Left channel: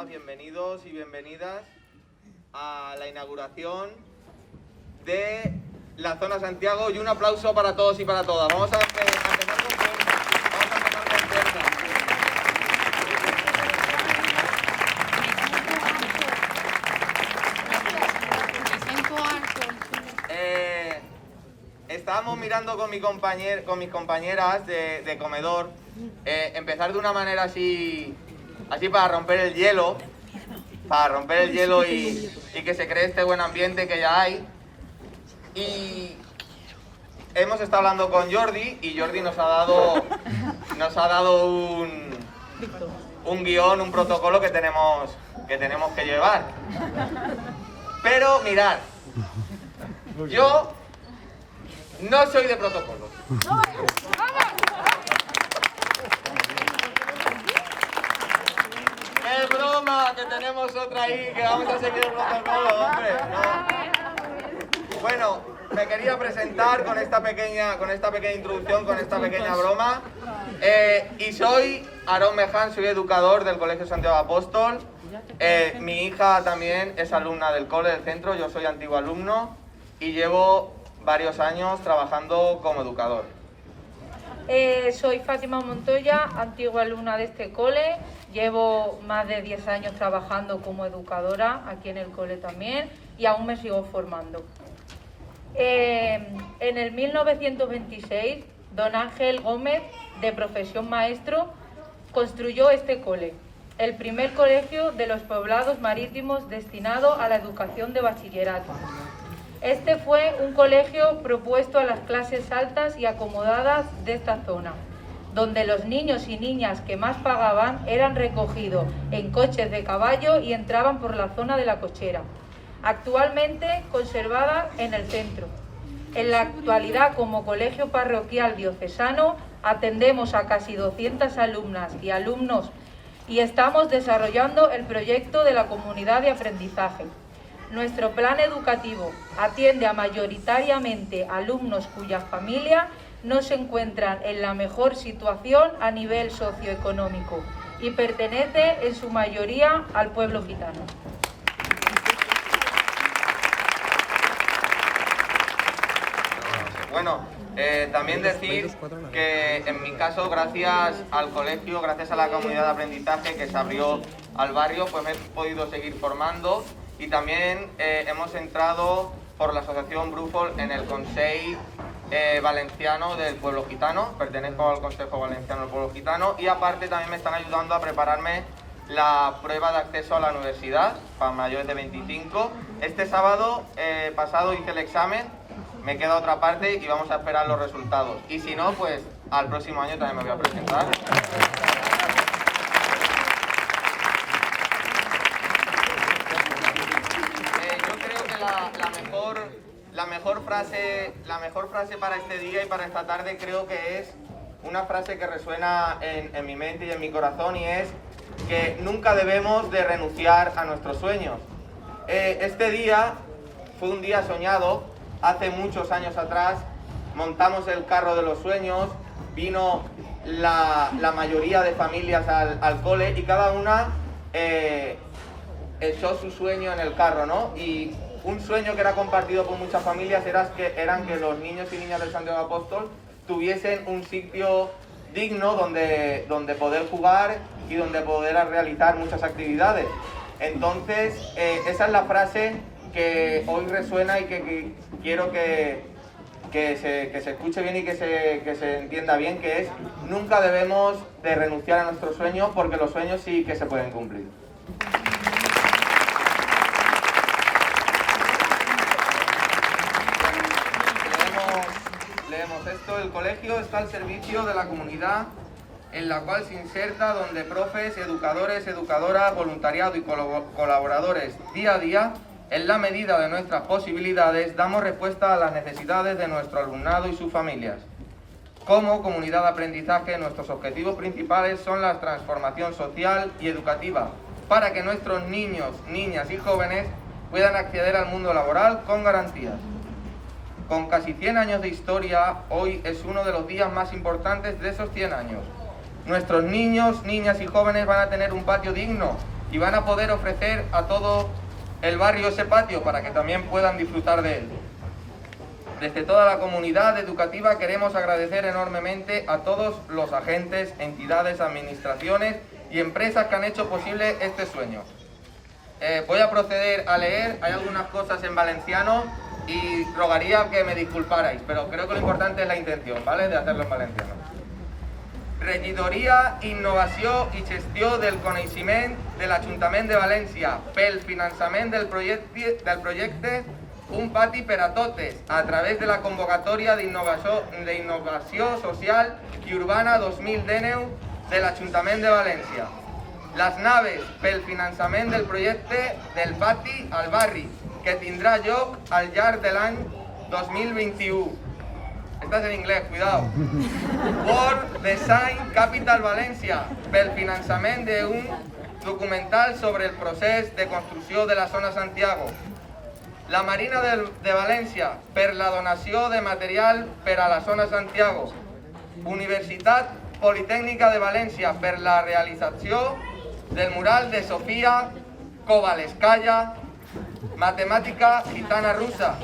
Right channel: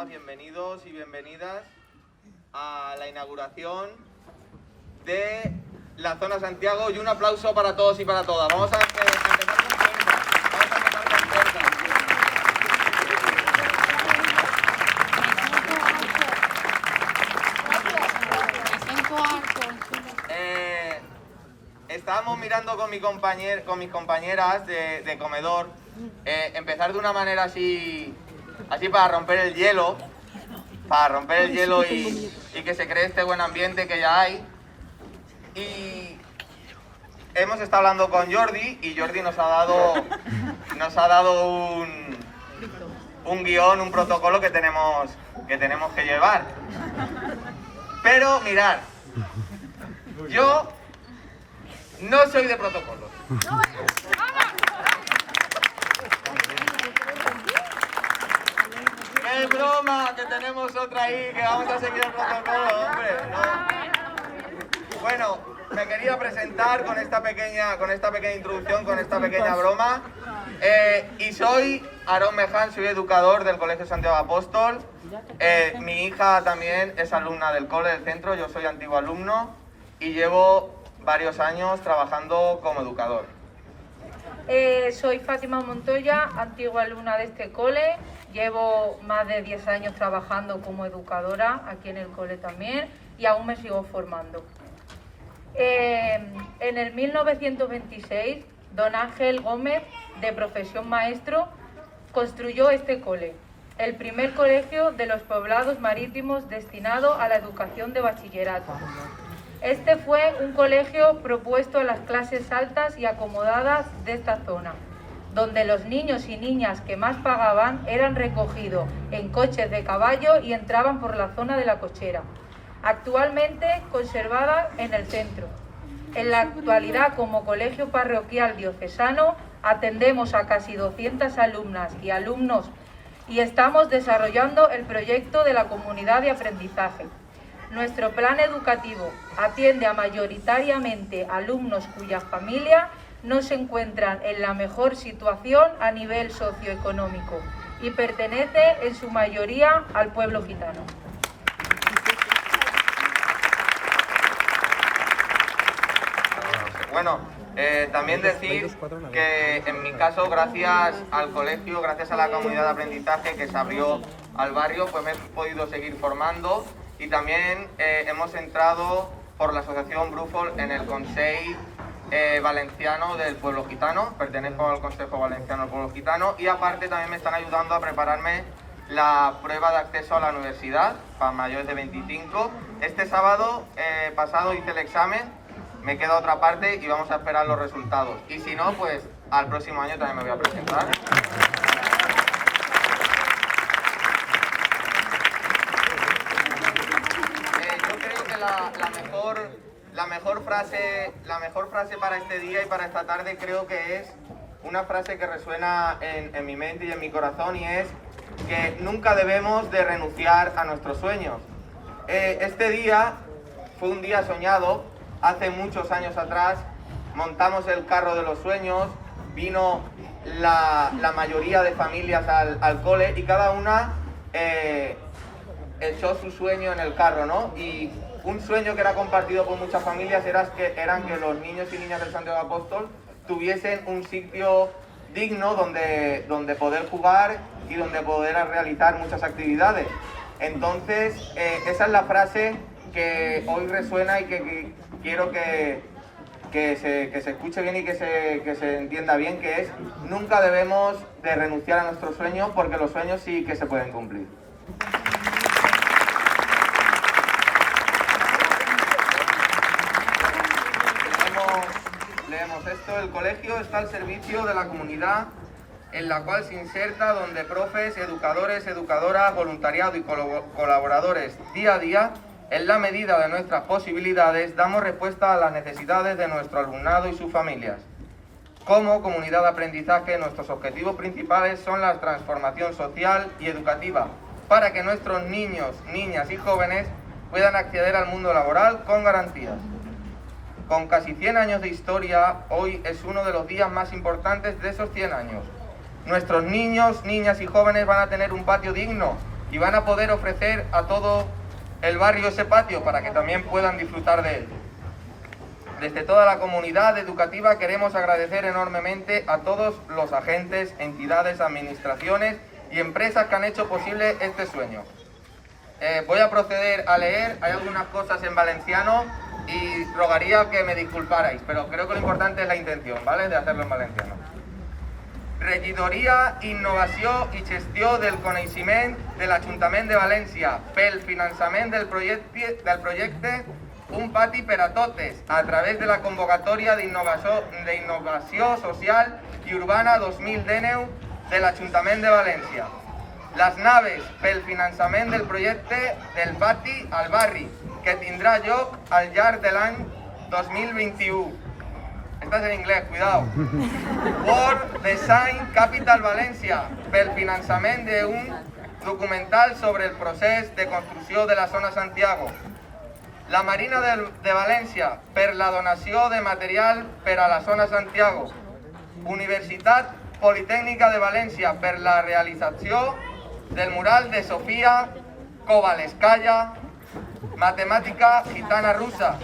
todas, bienvenidos y bienvenidas a la inauguración de la Zona Santiago y un aplauso para todos y para todas. Vamos a empezar con fuerza. Vamos a empezar con fuerza. Estábamos mirando con mis compañeras de comedor empezar de una manera así para romper el hielo, y que se cree este buen ambiente que ya hay. Y hemos estado hablando con Jordi y Jordi nos ha dado un guión, un protocolo que tenemos que llevar. Pero mirad, yo no soy de protocolos. ¡Qué broma! Que tenemos otra ahí, que vamos a seguir el protocolo, hombre. No. Bueno, me quería presentar con esta pequeña introducción, con esta pequeña broma. Y soy Aarón Meján, soy educador del Colegio Santiago Apóstol. Mi hija también es alumna del cole del centro, yo soy antiguo alumno y llevo varios años trabajando como educador. Soy Fátima Montoya, antigua alumna de este cole. Llevo más de 10 años trabajando como educadora aquí en el cole también y aún me sigo formando. En el 1926, don Ángel Gómez, de profesión maestro, construyó este cole, el primer colegio de los poblados marítimos destinado a la educación de bachillerato. Este fue un colegio propuesto a las clases altas y acomodadas de esta zona, donde los niños y niñas que más pagaban eran recogidos en coches de caballo y entraban por la zona de la cochera, actualmente conservada en el centro. En la actualidad, como colegio parroquial diocesano, atendemos a casi 200 alumnas y alumnos y estamos desarrollando el proyecto de la comunidad de aprendizaje. Nuestro plan educativo atiende a mayoritariamente alumnos cuyas familias no se encuentran en la mejor situación a nivel socioeconómico y pertenece en su mayoría al pueblo gitano. Bueno, también decir que en mi caso, gracias al colegio, gracias a la comunidad de aprendizaje que se abrió al barrio, pues me he podido seguir formando y también hemos entrado por la asociación Brufol en el Consejo Valenciano del Pueblo Gitano, pertenezco al Consejo Valenciano del Pueblo Gitano y aparte también me están ayudando a prepararme la prueba de acceso a la universidad para mayores de 25. Este sábado pasado hice el examen, me queda otra parte y vamos a esperar los resultados. Y si no, pues al próximo año también me voy a presentar. Yo creo que la mejor frase para este día y para esta tarde creo que es una frase que resuena en mi mente y en mi corazón, y es que nunca debemos de renunciar a nuestros sueños. Este día fue un día soñado. Hace muchos años atrás montamos el carro de los sueños, vino la mayoría de familias al cole y cada una echó su sueño en el carro, ¿no? Y un sueño que era compartido por muchas familias eran que los niños y niñas del Santiago Apóstol tuviesen un sitio digno donde poder jugar y donde poder realizar muchas actividades. Entonces, esa es la frase que hoy resuena y que quiero que se escuche bien y que se entienda bien, que es: nunca debemos de renunciar a nuestros sueños, porque los sueños sí que se pueden cumplir. Leemos esto: el colegio está al servicio de la comunidad en la cual se inserta, donde profes, educadores, educadoras, voluntariado y colaboradores día a día, en la medida de nuestras posibilidades, damos respuesta a las necesidades de nuestro alumnado y sus familias. Como comunidad de aprendizaje, nuestros objetivos principales son la transformación social y educativa, para que nuestros niños, niñas y jóvenes puedan acceder al mundo laboral con garantías. Con casi 100 años de historia, hoy es uno de los días más importantes de esos 100 años. Nuestros niños, niñas y jóvenes van a tener un patio digno y van a poder ofrecer a todo el barrio ese patio para que también puedan disfrutar de él. Desde toda la comunidad educativa queremos agradecer enormemente a todos los agentes, entidades, administraciones y empresas que han hecho posible este sueño. Voy a proceder a leer, hay algunas cosas en valenciano y rogaría que me disculparais, pero creo que lo importante es la intención, ¿vale?, de hacerlo en valenciano. Regidoria, Innovació i Gestió del Coneixement de l'Ajuntament de València pel finançament del projecte Un pati per a totes a través de la convocatòria d'Innovació Social i Urbana 2019 de l'Ajuntament de València. Les naves pel finançament del projecte del pati al barri, que tindrà lloc al llarg de l'any 2021. Estás en inglés, cuidado. World Design Capital València, pel finançament d'un documental sobre el procés de construcció de la zona Santiago. La Marina de València, per la donació de material per a la zona Santiago. Universitat Politècnica de València, per la realització del mural de Sofia Kovalevskaya, Matemàtica Gitana Russa,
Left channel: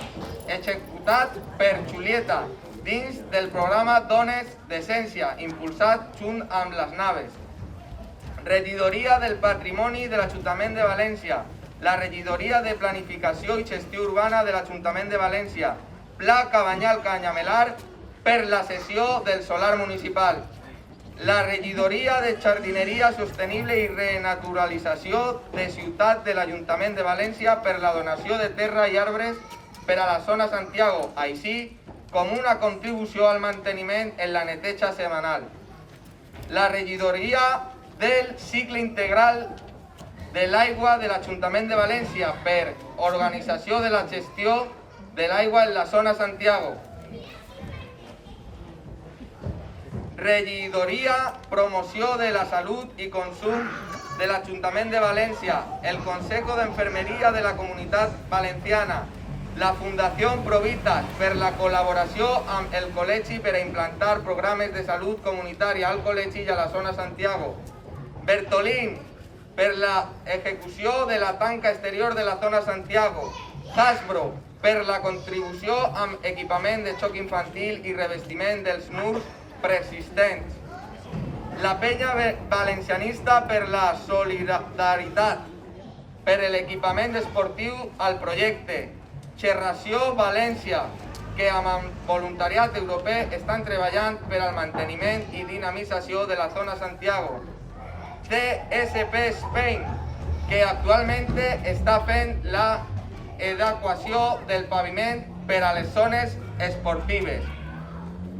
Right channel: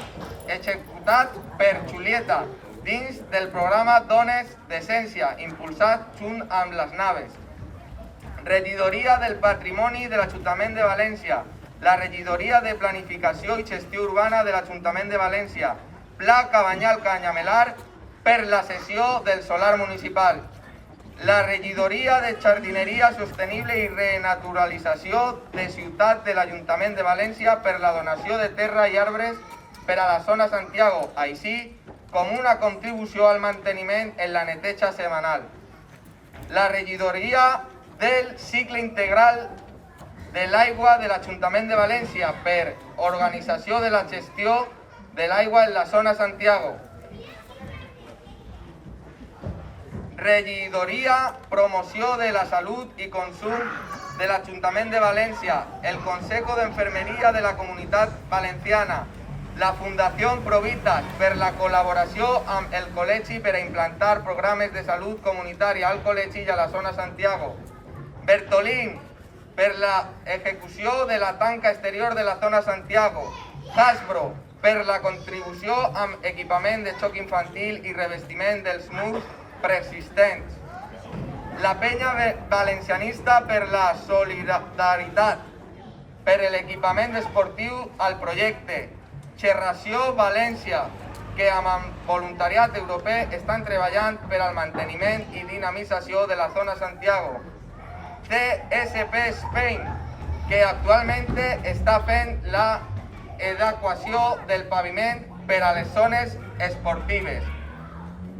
executat per Julieta, dins del programa Dones d'Essència, impulsat junt amb les naves. Regidoria del Patrimoni de l'Ajuntament de València, la Regidoria de Planificació i Gestió Urbana de l'Ajuntament de València, Pla Cabanyal Canyamelar per la cessió del solar municipal. La Regidoria de Jardineria Sostenible i Renaturalització de Ciutat de l'Ajuntament de València per la donació de terra i arbres per a la zona Santiago, així com una contribució al manteniment en la neteja setmanal. La Regidoria del Cicle Integral de l'Aigua de l'Ajuntament de València per organització de la gestió de l'aigua en la zona Santiago. Regidoria Promoció de la Salut i Consum de l'Ajuntament de València, el Consejo d'Enfermeria de la Comunitat Valenciana, la Fundació Provitas per la col·laboració amb el col·legi per a implantar programes de salut comunitària al col·legi i a la zona Santiago. Bertolín per la execució de la tanca exterior de la zona Santiago. Hasbro per la contribució amb equipament de xoc infantil i revestiment dels murs preexistents. La Penya Valencianista per la solidaritat, per l'equipament esportiu al projecte. Xerració València, que amb el voluntariat europeu estan treballant per al manteniment i dinamització de la zona Santiago. CSP Spain, que actualment està fent l'adequació del paviment per a les zones esportives.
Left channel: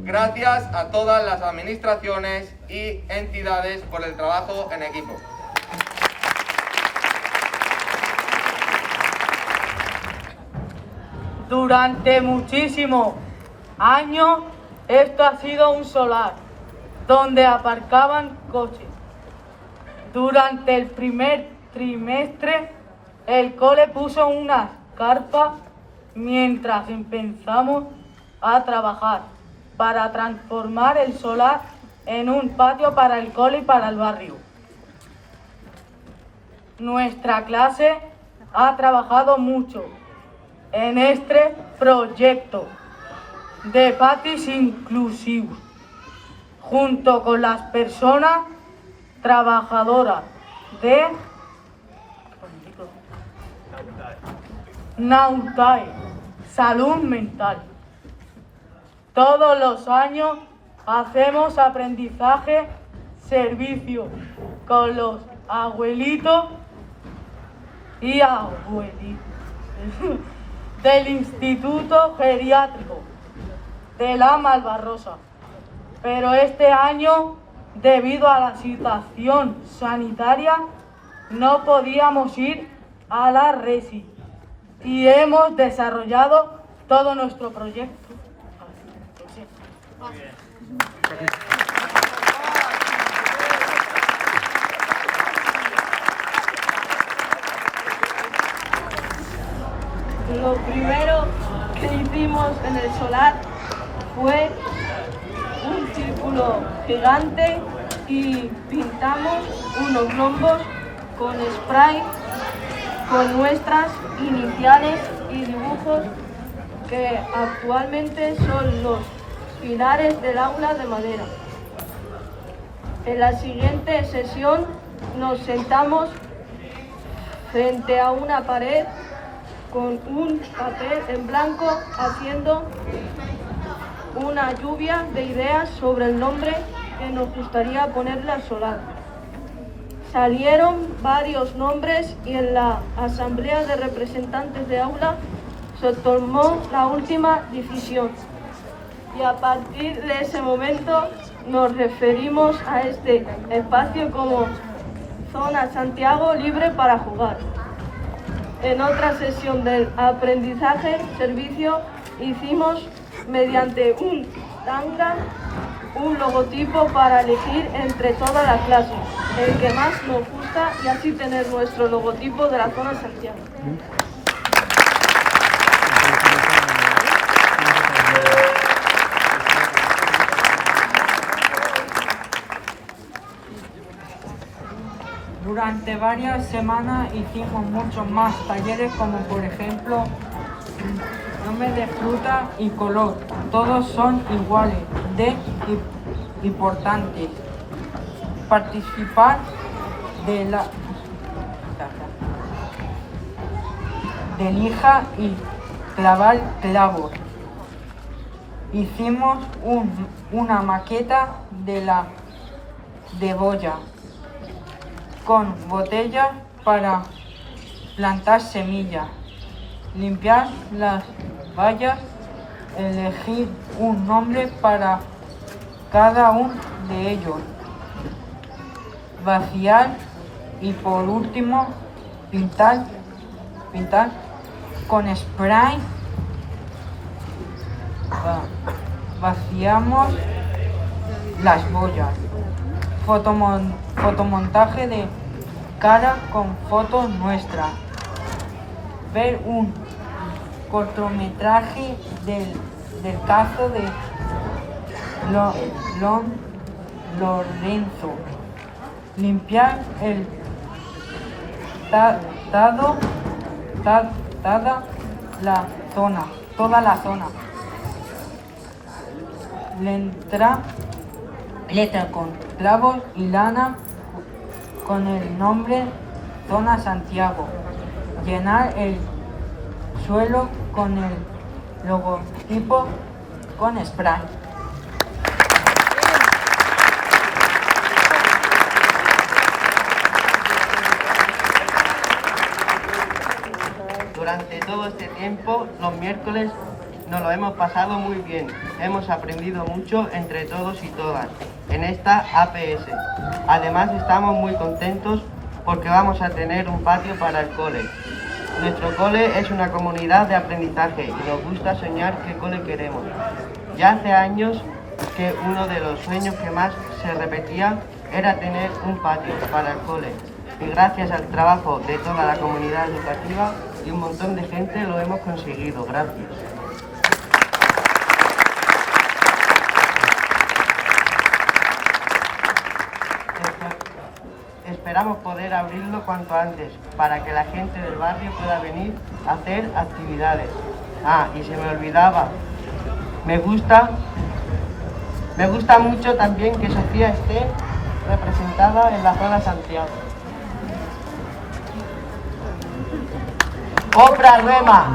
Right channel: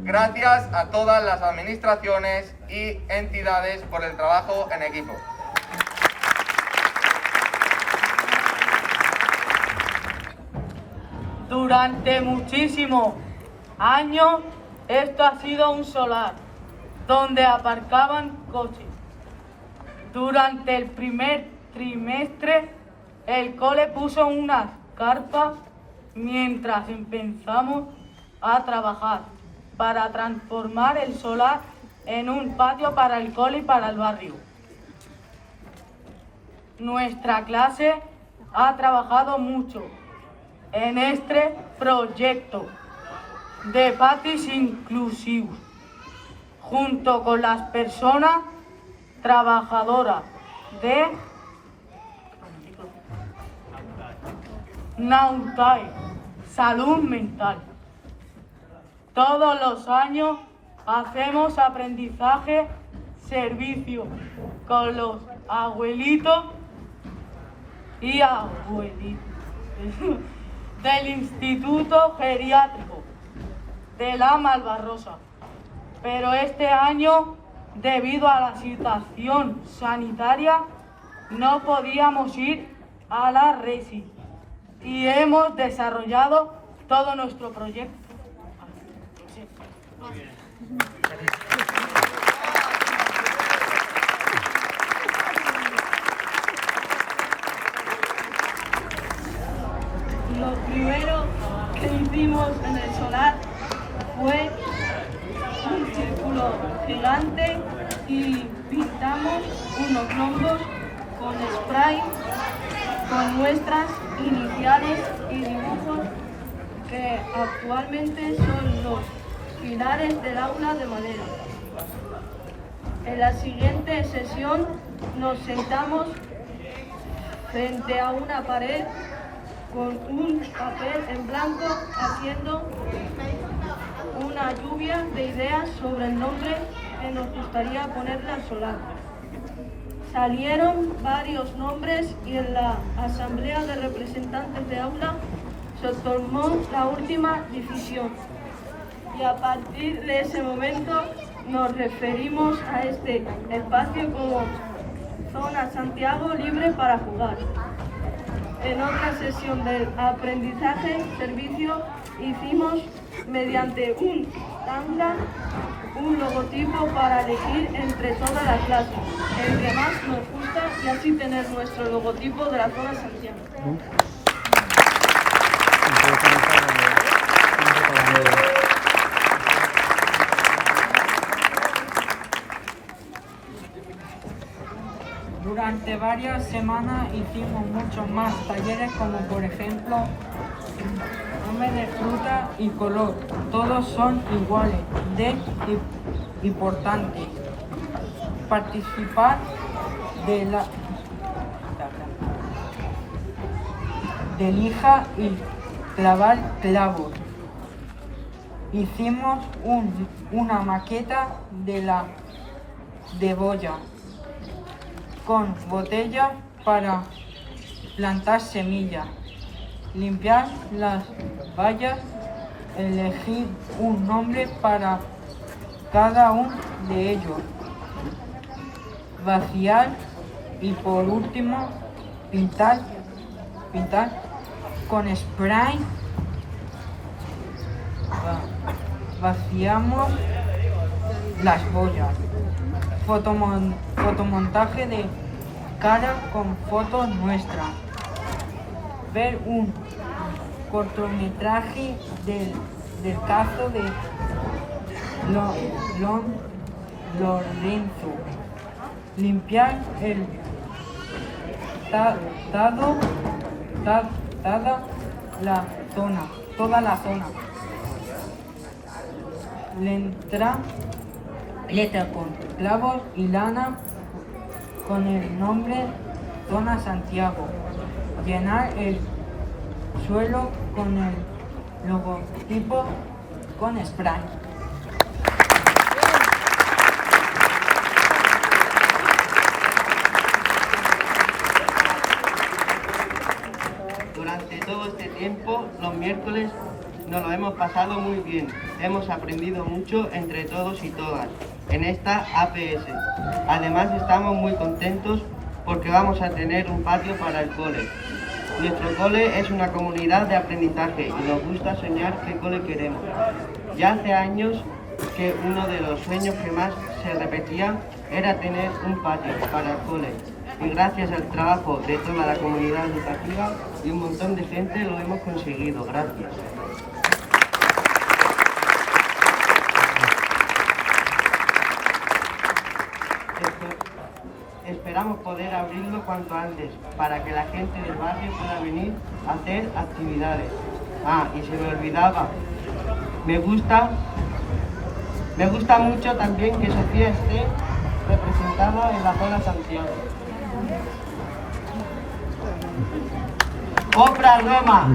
Gracias a todas las administraciones y entidades por el trabajo en equipo. Durante muchísimos años esto ha sido un solar donde aparcaban coches. Durante el primer trimestre el cole puso unas carpas mientras empezamos a trabajar para transformar el solar en un patio para el cole y para el barrio. Nuestra clase ha trabajado mucho en este proyecto de patis inclusivos, junto con las personas trabajadoras de Nautae, salud mental. Todos los años hacemos aprendizaje, servicio con los abuelitos y abuelitas del Instituto Geriátrico de la Malvarrosa. Pero este año, debido a la situación sanitaria, no podíamos ir a la RESI y hemos desarrollado todo nuestro proyecto. Muy bien. Lo primero que hicimos en el solar fue un círculo gigante y pintamos unos rombos con spray con nuestras iniciales y dibujos que actualmente son los pilares del aula de madera. En la siguiente sesión nos sentamos frente a una pared con un papel en blanco haciendo una lluvia de ideas sobre el nombre que nos gustaría ponerle al solar. Salieron varios nombres y en la asamblea de representantes de aula se tomó la última decisión. Y a partir de ese momento nos referimos a este espacio como Zona Santiago libre para jugar. En otra sesión del aprendizaje servicio hicimos mediante un tanga un logotipo para elegir entre toda la clase el que más nos gusta y así tener nuestro logotipo de la Zona Santiago. Durante varias semanas hicimos muchos más talleres, como por ejemplo nombre de fruta y color. Todos son iguales de importantes. Participar de lija y clavar clavos. Hicimos una maqueta de boya con botellas para plantar semillas, limpiar las vallas, elegir un nombre para cada uno de ellos, vaciar y por último pintar con spray. Vaciamos las boyas. Fotomontaje de cara con fotos nuestras. Ver un cortometraje del caso de Lorenzo. Limpiar el toda la zona. Letra con clavos y lana con el nombre Zona Santiago. Llenar el suelo con el logotipo con spray. Durante todo este tiempo, los miércoles nos lo hemos pasado muy bien. Hemos aprendido mucho entre todos y todas en esta APS. Además, estamos muy contentos porque vamos a tener un patio para el cole. Nuestro cole es una comunidad de aprendizaje y nos gusta soñar qué cole queremos. Ya hace años que uno de los sueños que más se repetía era tener un patio para el cole. Y gracias al trabajo de toda la comunidad educativa y un montón de gente lo hemos conseguido. Gracias. Esperamos poder abrirlo cuanto antes para que la gente del barrio pueda venir a hacer actividades. Y se me olvidaba, me gusta mucho también que Sofía esté representada en la Zona Santiago. ¡Opra Rema!